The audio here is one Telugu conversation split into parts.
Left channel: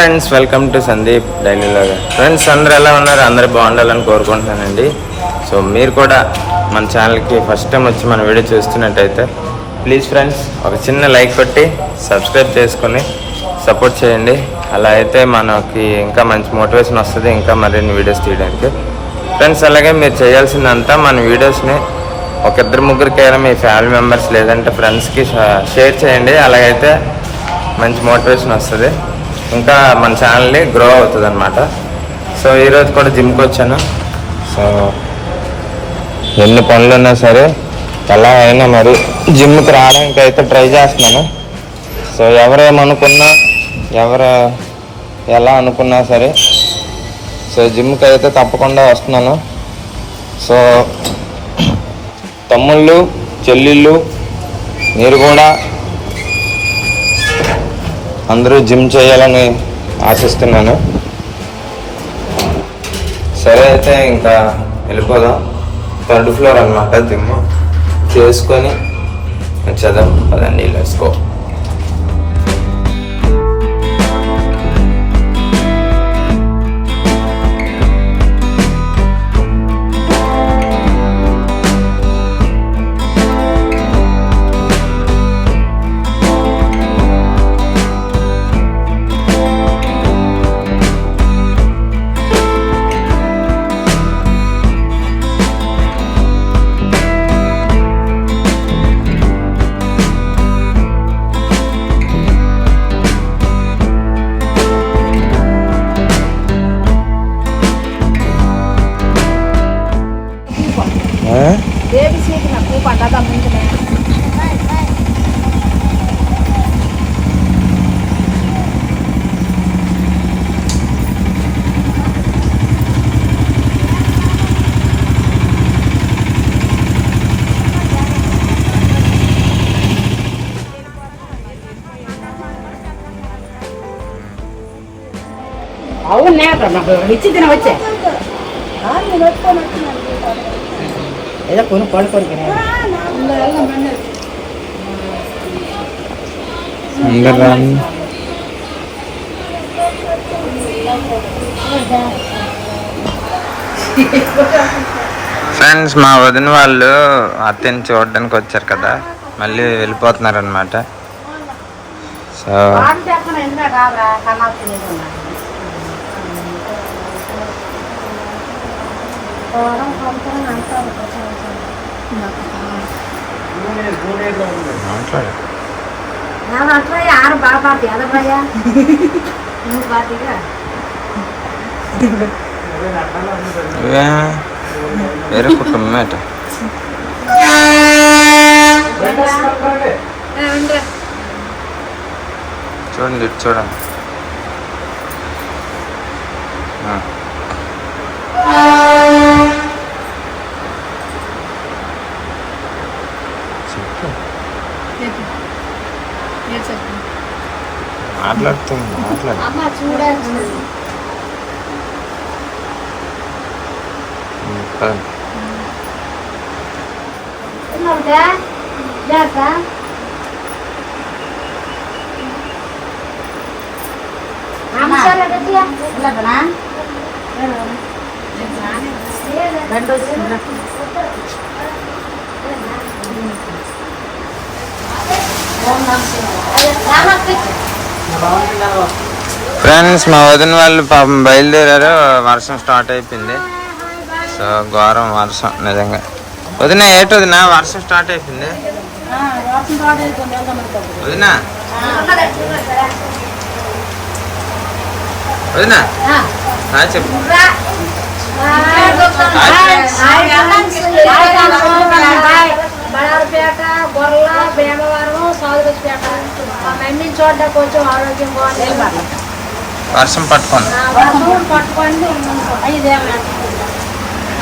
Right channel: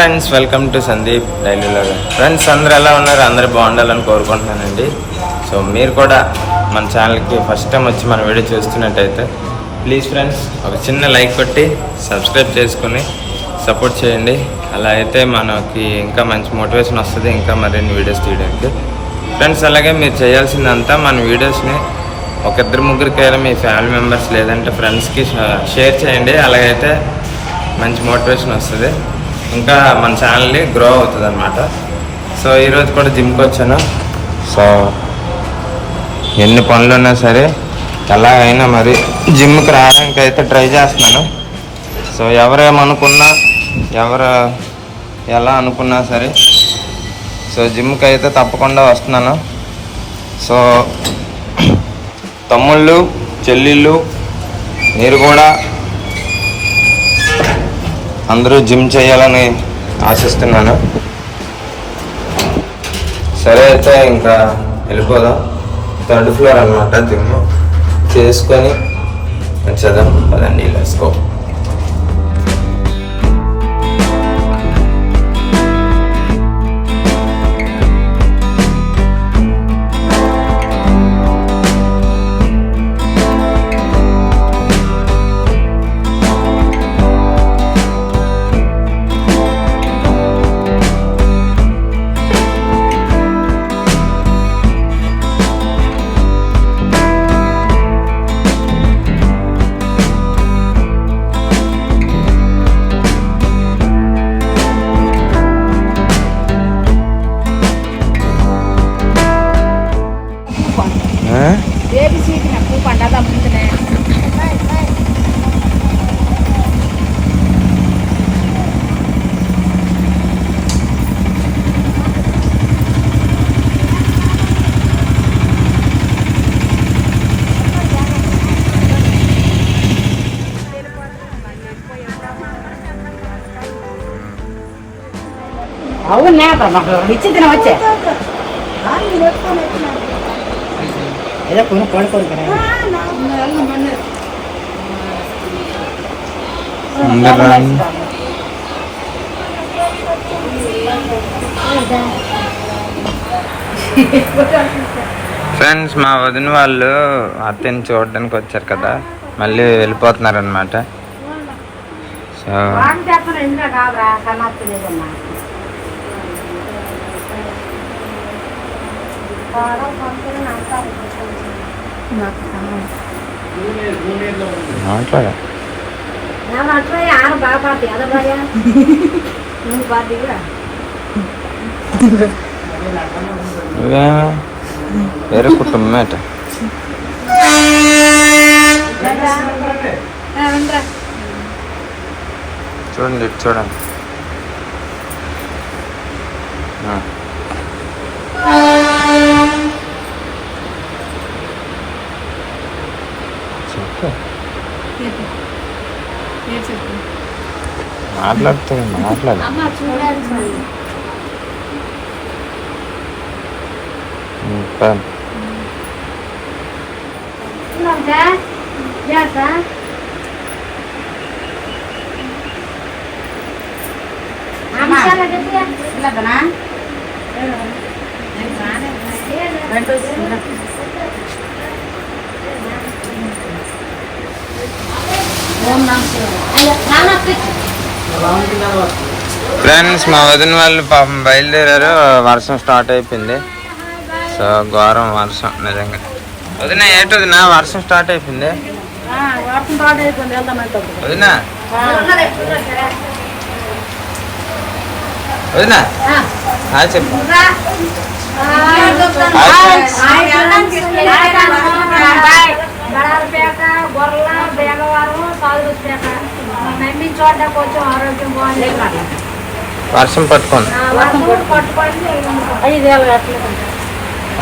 Friends, welcome to Sandeep daily vlog. Friends, అందరూ ఎలా ఉన్నారు? అందరూ బాగుండాలని కోరుకుంటున్నానండి. సో మీరు కూడా మన ఛానల్కి ఫస్ట్ టైం వచ్చి మన వీడియో చూస్తున్నట్టయితే ప్లీజ్ ఫ్రెండ్స్ ఒక చిన్న లైక్ కొట్టి సబ్స్క్రైబ్ చేసుకొని సపోర్ట్ చేయండి. అలా అయితే మనకి ఇంకా మంచి మోటివేషన్ వస్తుంది ఇంకా మరిన్ని వీడియోస్ తీయడానికి. ఫ్రెండ్స్, అలాగే మీరు చేయాల్సిందంతా మన వీడియోస్ని ఒక ఇద్దరు ముగ్గురికైనా మీ ఫ్యామిలీ మెంబర్స్ లేదంటే ఫ్రెండ్స్కి షేర్ చేయండి. అలాగైతే మంచి మోటివేషన్ వస్తుంది, ఇంకా మన ఛానల్ని గ్రో అవుతుంది అనమాట. సో ఈరోజు కూడా జిమ్కి వచ్చాను. సో ఎన్ని పనులు ఉన్నా సరే ఎలా అయినా మరి జిమ్కి రావడానికి అయితే ట్రై చేస్తున్నాను. సో ఎవరేమనుకున్నా ఎవరు ఎలా అనుకున్నా సరే సో జిమ్కి అయితే తప్పకుండా వస్తున్నాను. సో తమ్ముళ్ళు చెల్లిళ్ళు మీరు కూడా అందరూ జిమ్ చేయాలని ఆశిస్తున్నాను. సరే అయితే ఇంకా వెళ్ళిపోదాం. 3rd ఫ్లోర్ అనమాట జిమ్. చేసుకొని వచ్చేద్దాం. పదండి, లెట్స్ గో. ఇచ్చింది వచ్చే ఏదో కొను కొనుక్కోను కదా. ఫ్రెండ్స్, మా వదిన వాళ్ళు అత్తని చూడడానికి వచ్చారు కదా, మళ్ళీ వెళ్ళిపోతున్నారు అనమాట. సో మాట్లాడా వేరే కుటుంబమేట. చూడండి, ఇటు చూడండి. మాట్లాడుతుంది, మాట్లాడు. ఫ్రెండ్స్, మా వదిన వాళ్ళు పాపం బయలుదేరారు. వర్షం స్టార్ట్ అయిపోయింది. సో ఘోరం వర్షం నిజంగా. వదిన ఏటు వదిన, వర్షం స్టార్ట్ అయిపోయింది. వదిన వదిన హాయ్ చెప్పు. వర్షం పట్టుకోండి,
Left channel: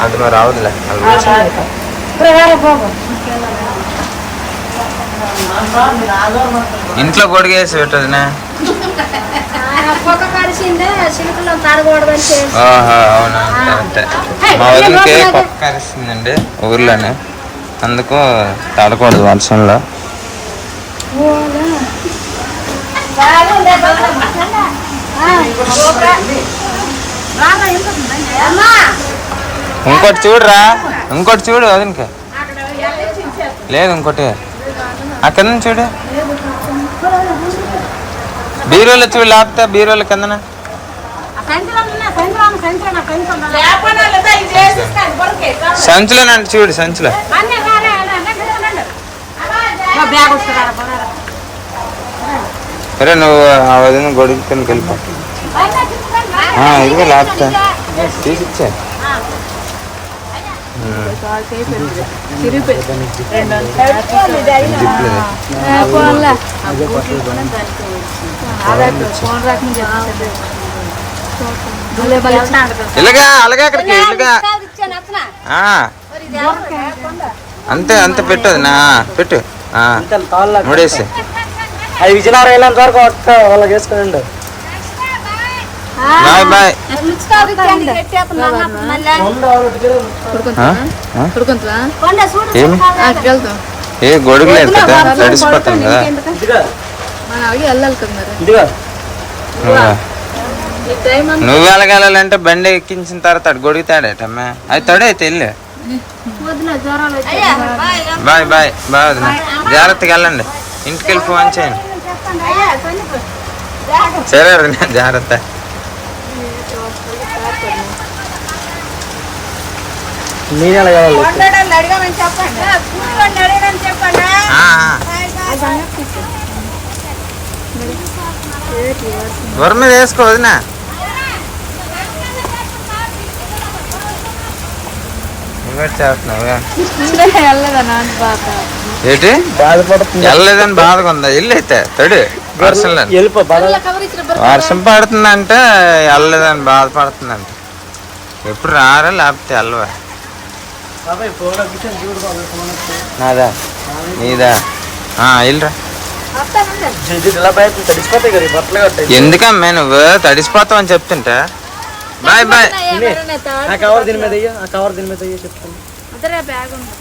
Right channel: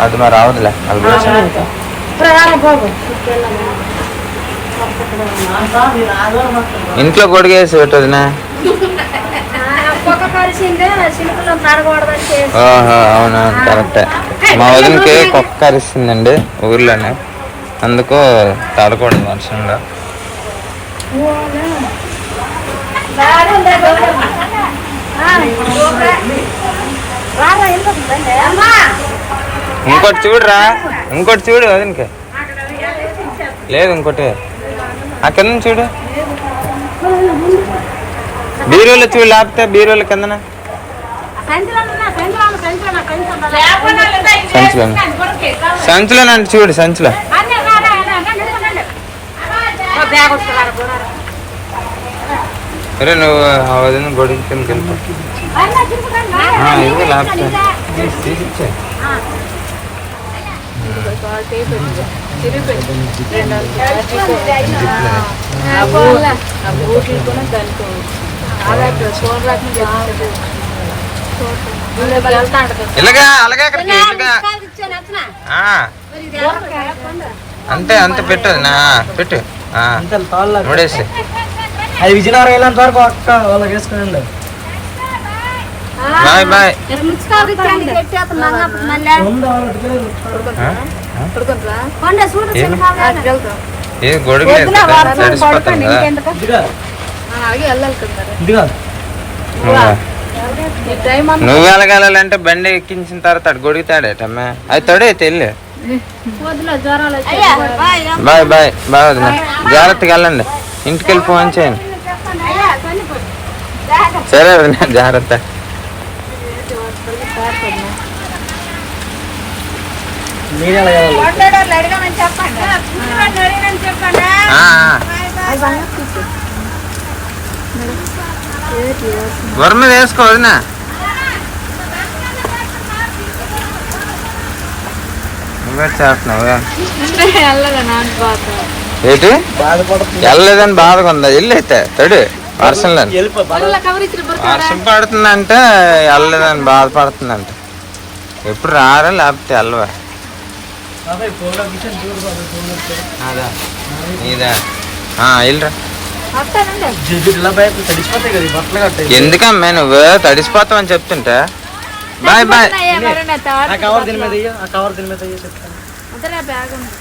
అది మరి రావద్దులే. ఇంట్లో గొడిగేసి పెట్టదునా? అవును, కరెక్టే. మా వదినకి కుక్క కరిస్తుందండి ఊర్లోనే, అందుకు తడకూడదు వర్షంలో. ఇంకోటి చూడురా, ఇంకోటి చూడు వదినకి. లేదు ఇంకోటి ఆ కింద చూడు, బీరోలో చూడు, లేకపోతే బీరోల కిందన సంచులోనంటే చూడు, సంచులో. సరే నువ్వు ఆ వదిన గొడుగు కిందకి వెళ్ళిపో. ఇదిగో లేకపోతే తీసిచ్చా. ఇలాగా అలాగే అక్కడికి ఇలాగా అంతే అంతే పెట్టదు నా పెట్టు మూడేసి. అది విజయనగరం వెళ్ళేంత వరకు వాళ్ళకి వేసుకుని. Bye bye. ఏ గొడుగు తడిసిపోతాం కదా. నువ్వు వెళ్ళగలంటే బండి ఎక్కించిన తర్వాత అటు గొడుగు తాడేటమ్మా, అది తొడైతే వెళ్ళు. బాయ్ బాయ్ బాయ్ వదిన, జాగ్రత్తగా వెళ్ళండి, ఇంటికి వెళ్ళి ఫోన్ చేయండి. సరే వదిన జాగ్రత్త. బొర మీద వేసుకో వదినా. చేస్తున్నావు ఏంటి వెళ్ళలేదని బాధగా ఉందా? వెళ్ళైతే తడు వర్షంలో, వర్షం పడుతుందంటే వెళ్ళలేదని బాధపడుతుందంట. ఎప్పుడు రారా లేకపోతే వెళ్ళవా? నాదా నీదా వెళ్ళరా. ఎందుకమ్మా నువ్వు తడిసిపోతావు అని చెప్తుంటా. Bye bye. బ్యాగ్ ఉంది.